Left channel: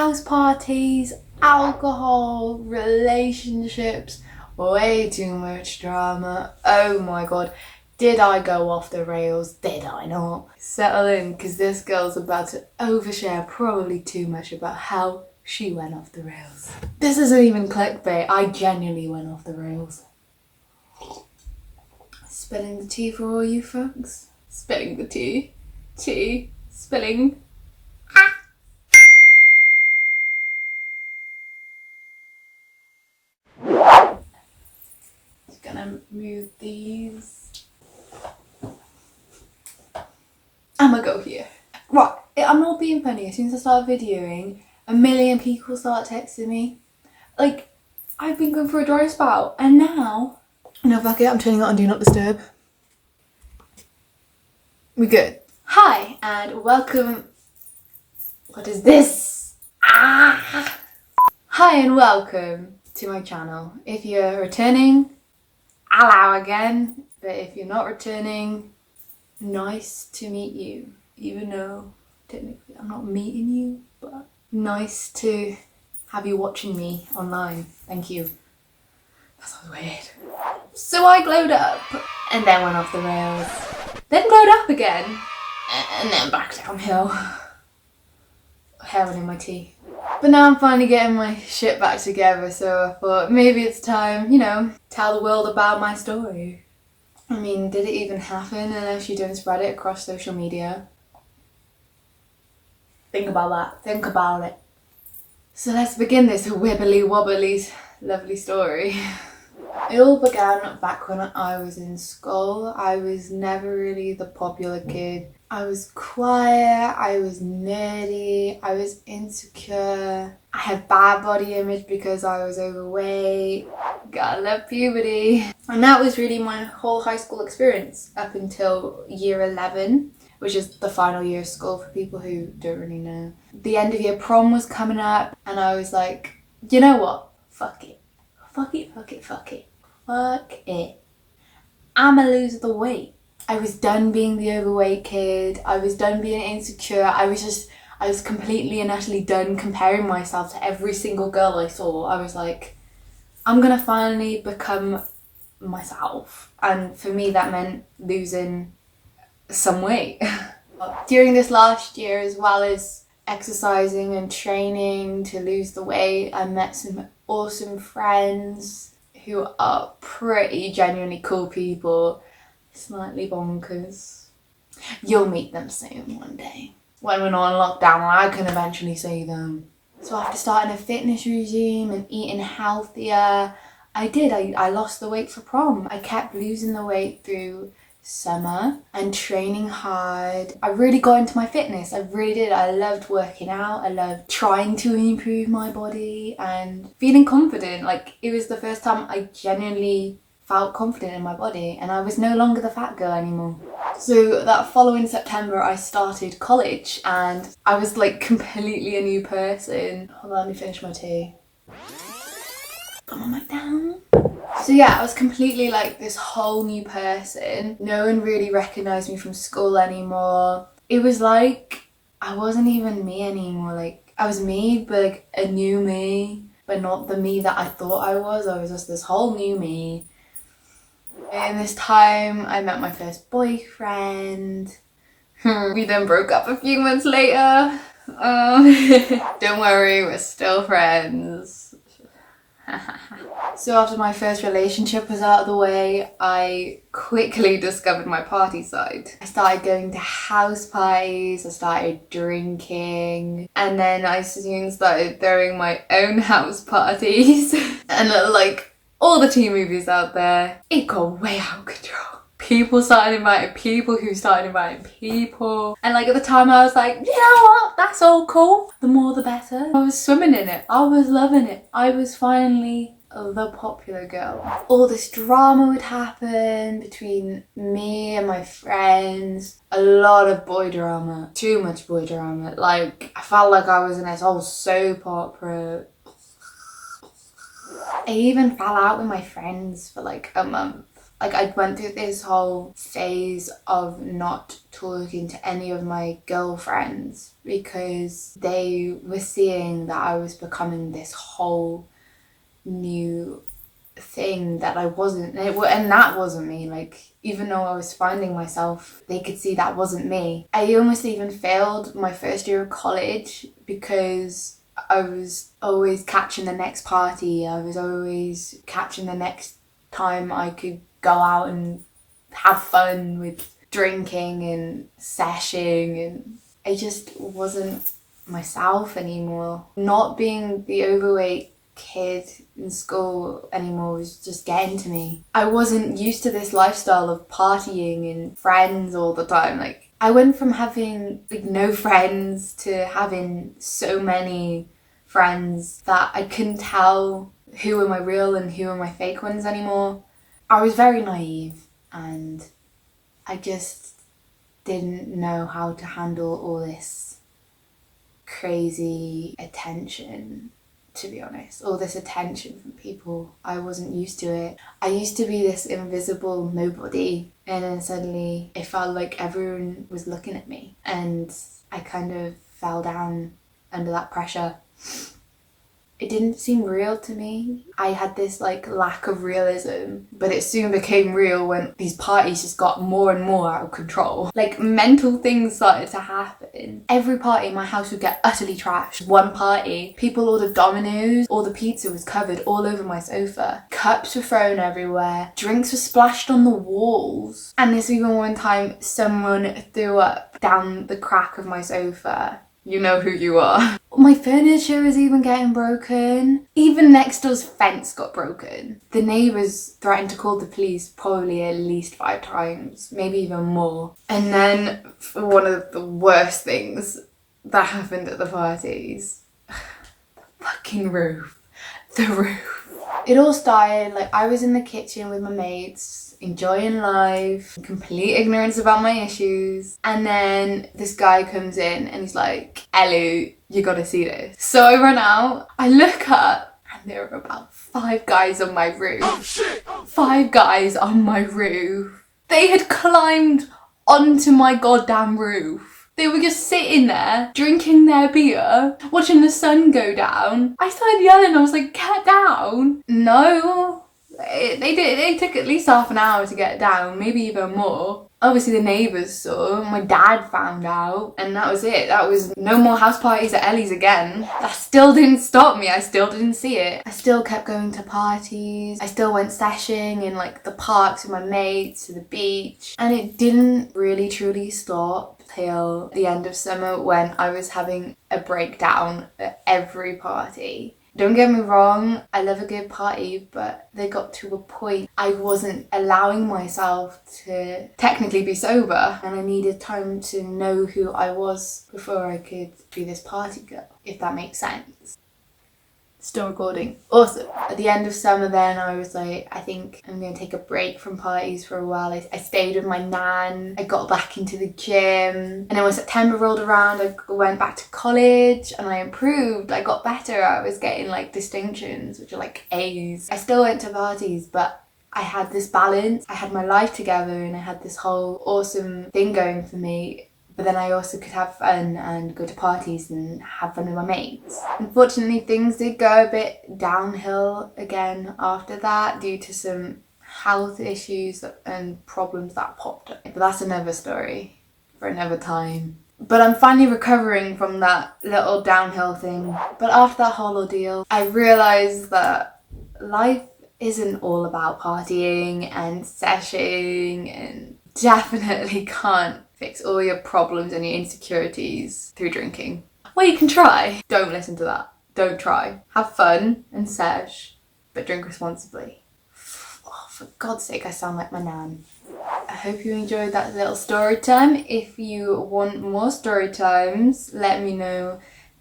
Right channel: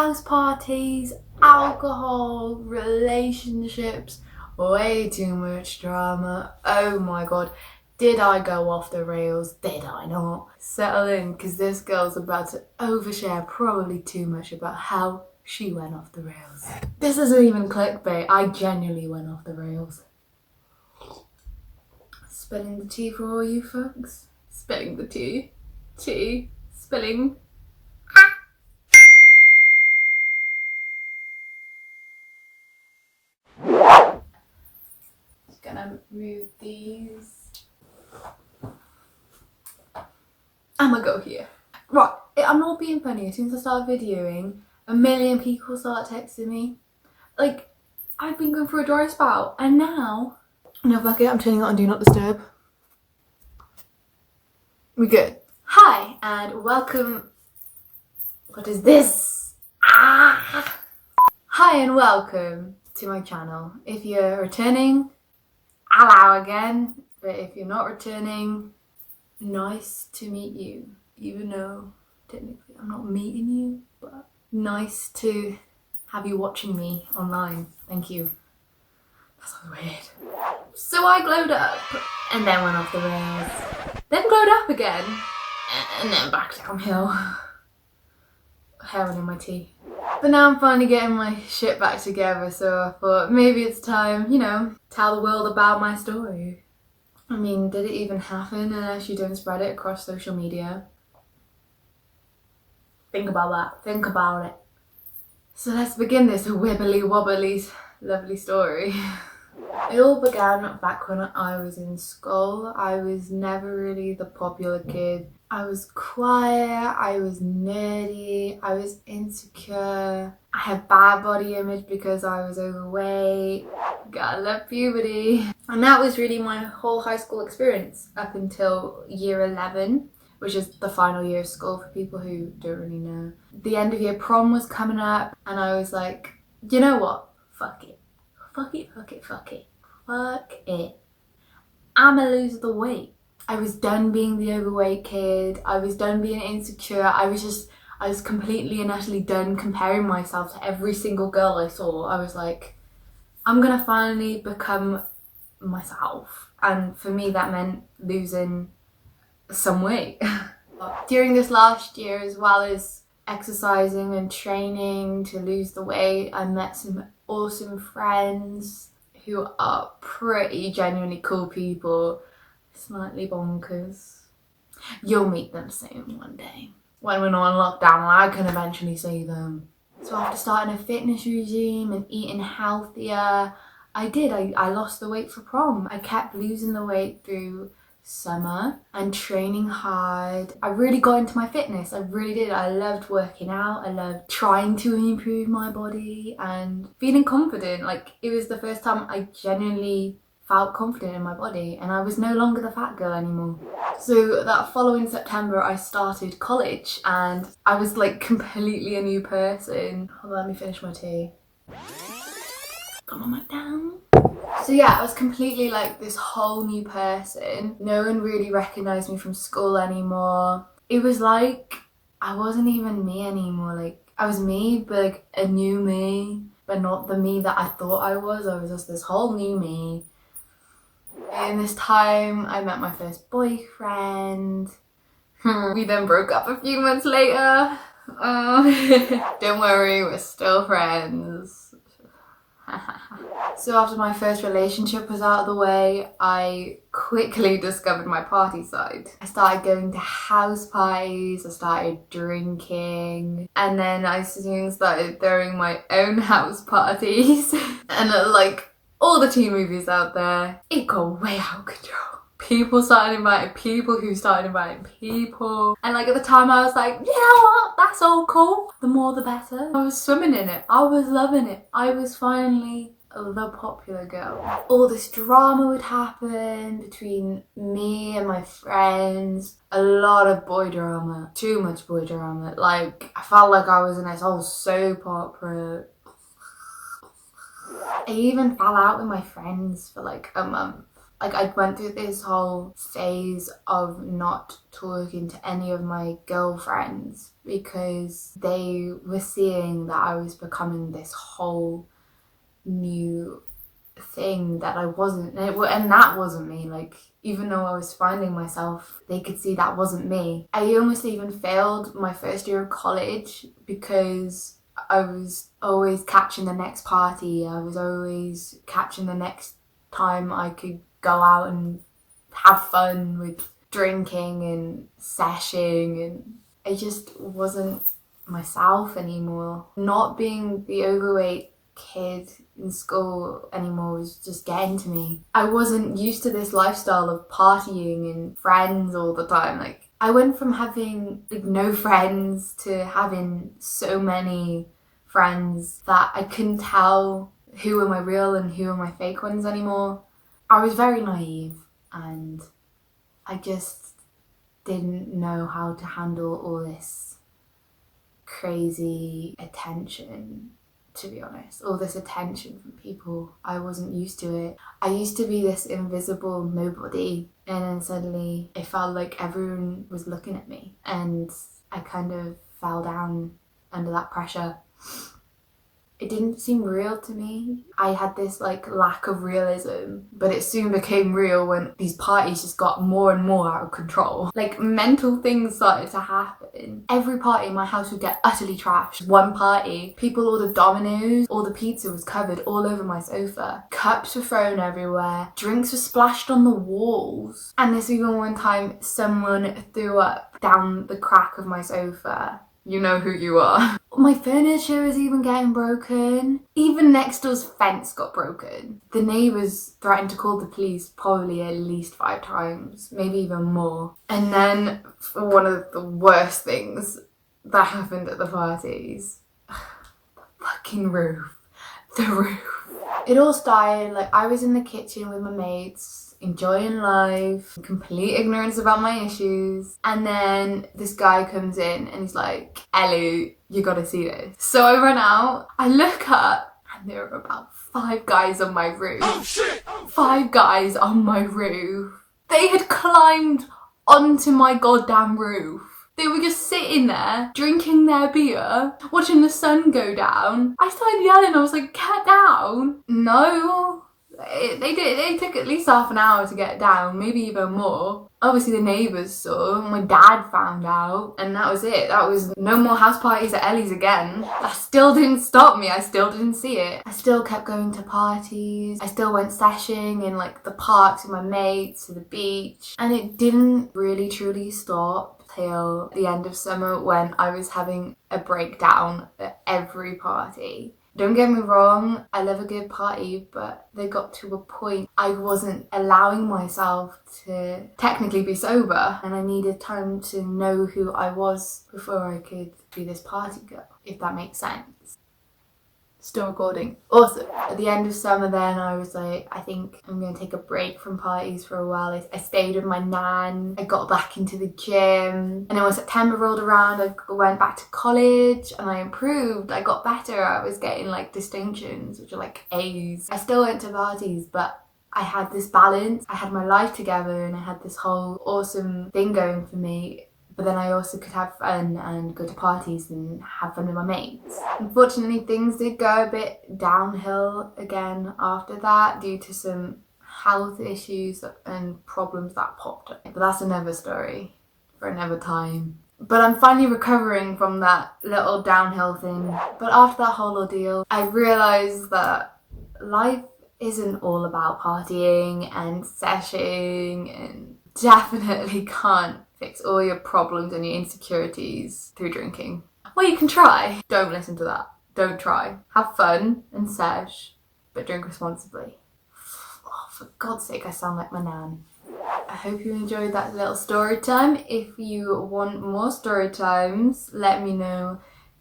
house parties, alcohol, relationships, way too much drama. Oh my god, did I go off the rails? Did I not? Settle in, because this girl's about to overshare probably too much about how she went off the rails. This isn't even clickbait, I genuinely went off the rails. Spilling the tea for all you folks. Spilling the tea. Tea. Spilling. Just gonna move these. I'ma go here. Right, I'm not being funny. As soon as I start videoing, a million people start texting me. Like, I've been going through a dry spout, and now... No, fuck it, I'm turning it on Do Not Disturb. We good. Hi, and welcome... What is this? Ah! Hi, and welcome to my channel. If you're returning, hello again. But if you're not returning, nice to meet you. Even though, technically, I'm not meeting you, but nice to have you watching me online. Thank you. That sounds weird. So I glowed up, and then went off the rails. Then glowed up again, and then back downhill. Heroin in my tea. But now I'm finally getting my shit back together, so I thought maybe it's time, you know, tell the world about my story. I mean, did it even happen unless you don't spread it across social media? Think about that. Think about it. So let's begin this wibbly wobbly lovely story. It all began back when I was in school. I was never really the popular kid. I was quiet, I was nerdy, I was insecure. I had bad body image because I was overweight. Gotta love puberty. And that was really my whole high school experience up until year 11, which is the final year of school for people who don't really know. The end of year prom was coming up, and I was like, you know what? Fuck it. Fuck it, fuck it, fuck it. Fuck it. I'ma lose the weight. I was done being the overweight kid. I was done being insecure. I was completely and utterly done comparing myself to every single girl I saw. I was like, I'm gonna finally become myself. And for me, that meant losing some weight. During this last year, as well as exercising and training to lose the weight, I met some awesome friends who are pretty genuinely cool people, slightly bonkers. You'll meet them soon one day. When we're not in lockdown, I can eventually see them. So after starting a fitness regime and eating healthier, I lost the weight for prom. I kept losing the weight through summer and training hard. I really got into my fitness. I really did. I loved working out. I loved trying to improve my body and feeling confident. Like, it was the first time I genuinely felt confident in my body, and I was no longer the fat girl anymore. So that following September I started college, and I was like completely a new person. Hold on, let me finish my tea. Got my mic down. So yeah, I was completely like this whole new person. No one really recognised me from school anymore. It was like I wasn't even me anymore. Like, I was me, but like a new me, but not the me that I thought I was. I was just this whole new me. In this time, I met my first boyfriend. We then broke up a few months later. Don't worry, we're still friends. So after my first relationship was out of the way, I quickly discovered my party side. I started going to house parties, I started drinking, and then I soon started throwing my own house parties. And like all the teen movies out there, it got way out of control. People started inviting people who started inviting people. And like at the time I was like, you know what, that's all cool. The more the better. I was swimming in it. I was loving it. I was finally the popular girl. All this drama would happen between me and my friends. A lot of boy drama. Too much boy drama. Like, I felt like I was in this whole soap opera. I even fell out with my friends for like a month. Like, I went through this whole phase of not talking to any of my girlfriends because they were seeing that I was becoming this whole new thing that I wasn't, and that wasn't me. Like, even though I was finding myself, they could see that wasn't me. I almost even failed my first year of college because I was always catching the next party. I was always catching the next time I could go out and have fun with drinking and seshing, and I just wasn't myself anymore. Not being the overweight kid in school anymore was just getting to me. I wasn't used to this lifestyle of partying and friends all the time. Like, I went from having like no friends to having so many friends that I couldn't tell who were my real and who were my fake ones anymore. I was very naive and I just didn't know how to handle all this crazy attention, to be honest. All this attention from people. I wasn't used to it. I used to be this invisible nobody, and then suddenly it felt like everyone was looking at me, and I kind of fell down under that pressure. It didn't seem real to me. I had this like lack of realism, but it soon became real when these parties just got more and more out of control. Like, mental things started to happen. Every party in my house would get utterly trashed. One party, people ordered Domino's, all the pizza was covered all over my sofa. Cups were thrown everywhere. Drinks were splashed on the walls. And there's even one time someone threw up down the crack of my sofa. You know who you are. My furniture was even getting broken. Even next door's fence got broken. The neighbours threatened to call the police probably at least 5 times, maybe even more. And then one of the worst things that happened at the parties, the fucking roof. The roof. It all started, like, I was in the kitchen with my mates, enjoying life, complete ignorance about my issues, and then this guy comes in and he's like, Ellie, you gotta see this. So I run out, I look up, and there are about 5 guys on my roof. Oh shit! 5 guys on my roof. They had climbed onto my goddamn roof. They were just sitting there, drinking their beer, watching the sun go down. I started yelling, I was like, get down. No. They took at least half an hour to get down, maybe even more. Obviously the neighbours saw, my dad found out, and that was it. That was no more house parties at Ellie's again. That still didn't stop me, I still didn't see it. I still kept going to parties, I still went seshing in like the parks with my mates, to the beach, and it didn't really truly stop till the end of summer when I was having a breakdown at every party. Don't get me wrong, I love a good party, but they got to a point I wasn't allowing myself to technically be sober, and I needed time to know who I was before I could be this party girl, if that makes sense. Still recording. Awesome. At the end of summer then, I was like, I think I'm going to take a break from parties for a while. I stayed with my nan. I got back into the gym. And then when September rolled around, I went back to college and I improved. I got better. I was getting like distinctions, which are like A's. I still went to parties, but I had this balance. I had my life together and I had this whole awesome thing going for me. But then I also could have fun and go to parties and have fun with my mates. Unfortunately, things did go a bit downhill again after that due to some health issues and problems that popped up. But that's another story for another time. But I'm finally recovering from that little downhill thing. But after that whole ordeal, I realised that life isn't all about partying and seshing, and definitely can't fix all your problems and your insecurities through drinking. Well, you can try. Don't listen to that. Don't try. Have fun and sesh, but drink responsibly. Oh, for God's sake, I sound like my nan. I hope you enjoyed that little story time. If you want more story times, let me know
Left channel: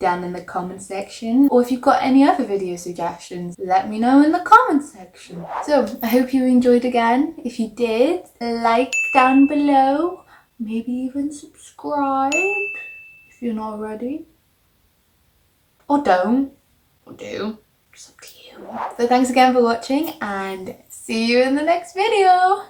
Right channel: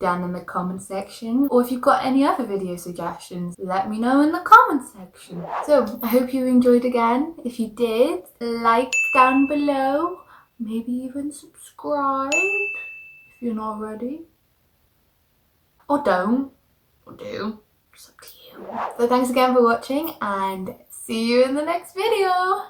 down in the comment section, or if you've got any other video suggestions, let me know in the comment section. So I hope you enjoyed again. If you did, like down below, maybe even subscribe if you're not already, or don't, or do, it's up to you. So thanks again for watching, and see See you in the next video.